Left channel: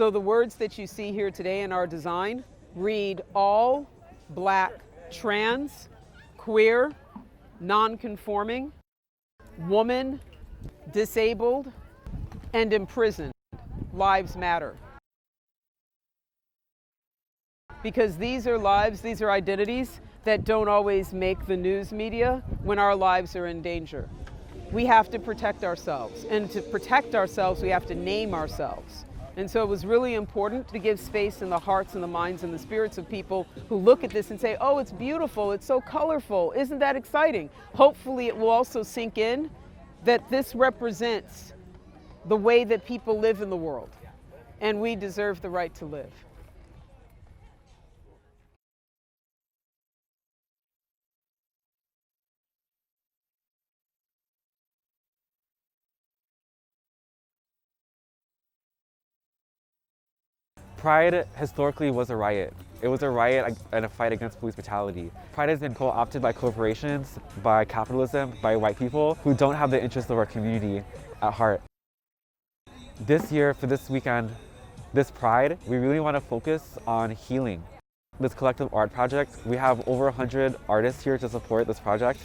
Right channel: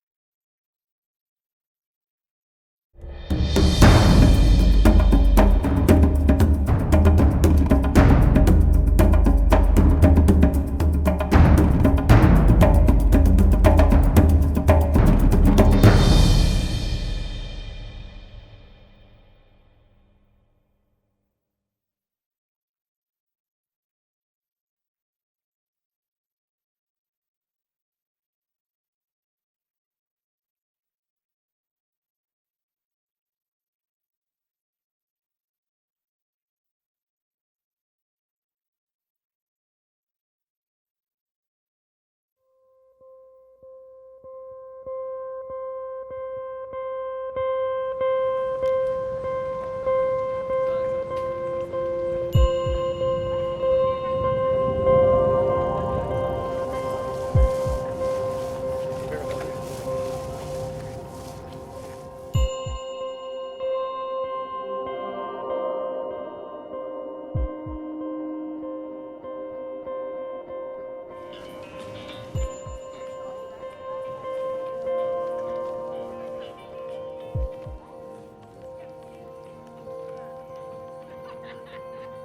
So the words that you see here today in our design read all Black, trans, queer, non-conforming, woman, disabled, and imprisoned lives matter. Because these are lives, these are identities that don't always make the news media when our lives are in danger. We have to protect ourselves, and to protect ourselves, we have to name ourselves. And so it was really important to give space in the hearts and the minds and the spirits of people who look at this and say, oh, it's beautiful, it's so colorful, isn't that exciting? Hopefully it will also sink in that this represents the way that people live in the world, and we deserve the right to live. Pride historically was a riot. It was a riot and a fight against police brutality. Pride has been co-opted by corporations, by capitalism, by white people who don't have the interests of our community at heart. This year, for this weekend, this Pride, we really want to focus on healing. This collective art project, we have over 100 artists here to support this project.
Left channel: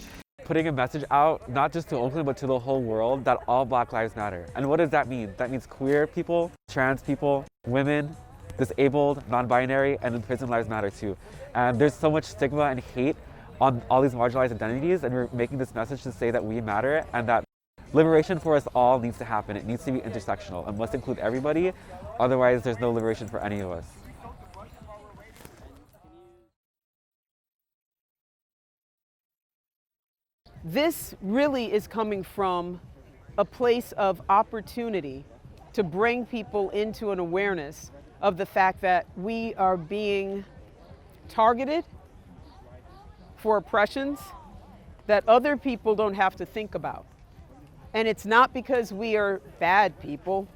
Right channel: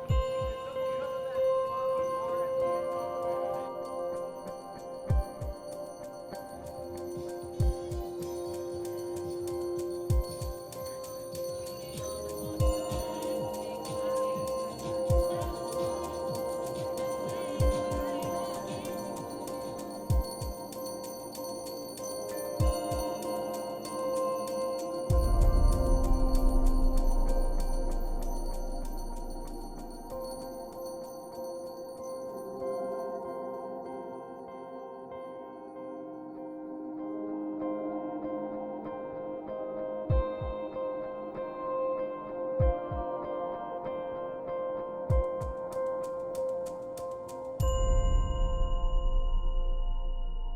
Putting a message out, not just to Oakland, but to the whole world, that all Black lives matter. And what does that mean? That means queer people, trans people, women, disabled, non-binary, and imprisoned lives matter too. And there's so much stigma and hate on all these marginalized identities, and we're making this message to say that we matter and that liberation for us all needs to happen. It needs to be intersectional and must include everybody, otherwise there's no liberation for any of us. This really is coming from a place of opportunity to bring people into an awareness of the fact that we are being targeted for oppressions that other people don't have to think about. And it's not because we are bad people.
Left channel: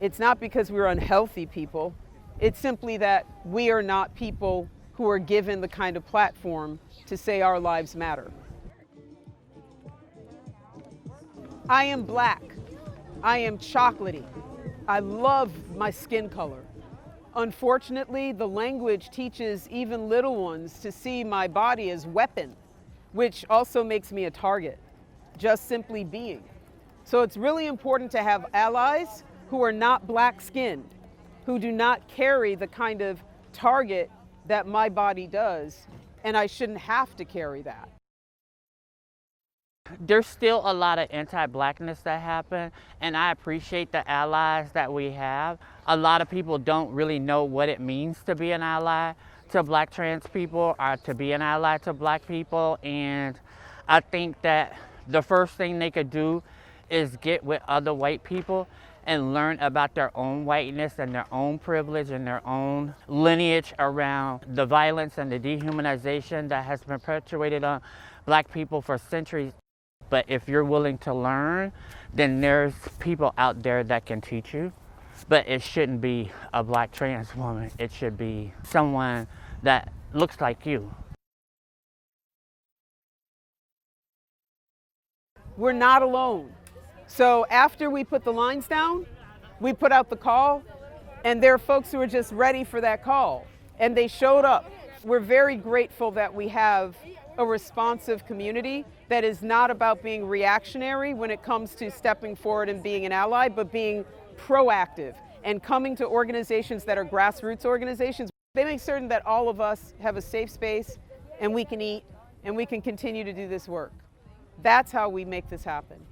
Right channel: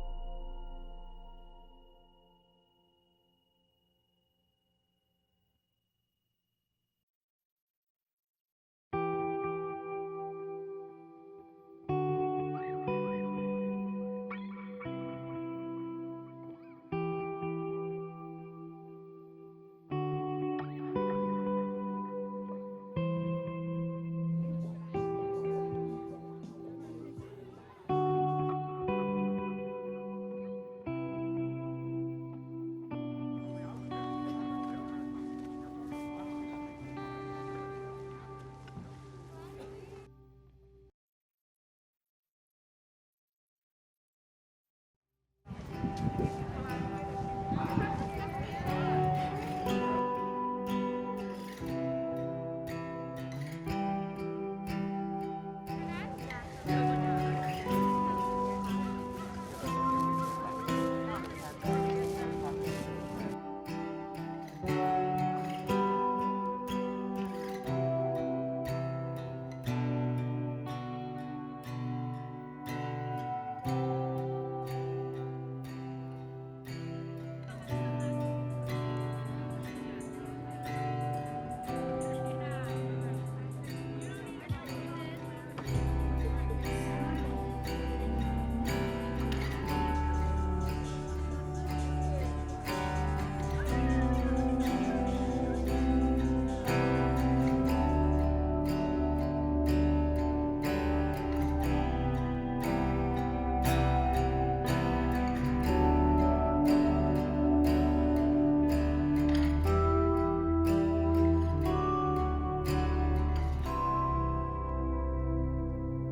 It's not because we're unhealthy people. It's simply that we are not people who are given the kind of platform to say our lives matter. I am Black. I am chocolatey. I love my skin color. Unfortunately, the language teaches even little ones to see my body as weapon, which also makes me a target, just simply being. So it's really important to have allies who are not Black skin, who do not carry the kind of target that my body does, and I shouldn't have to carry that. There's still a lot of anti-Blackness that happen, and I appreciate the allies that we have. A lot of people don't really know what it means to be an ally to Black trans people or to be an ally to Black people, and I think that the first thing they could do is get with other white people and learn about their own whiteness and their own privilege and their own lineage around the violence and the dehumanization that has been perpetuated on Black people for centuries. But if you're willing to learn, then there's people out there that can teach you. But it shouldn't be a Black trans woman. It should be someone that looks like you. We're not alone. So after we put the lines down, we put out the call, and there are folks who are just ready for that call, and they showed up. We're very grateful that we have a responsive community that is not about being reactionary when it comes to stepping forward and being an ally, but being proactive and coming to organizations that are grassroots organizations. They make certain that all of us have a safe space and we can eat and we can continue to do this work. That's how we make this happen.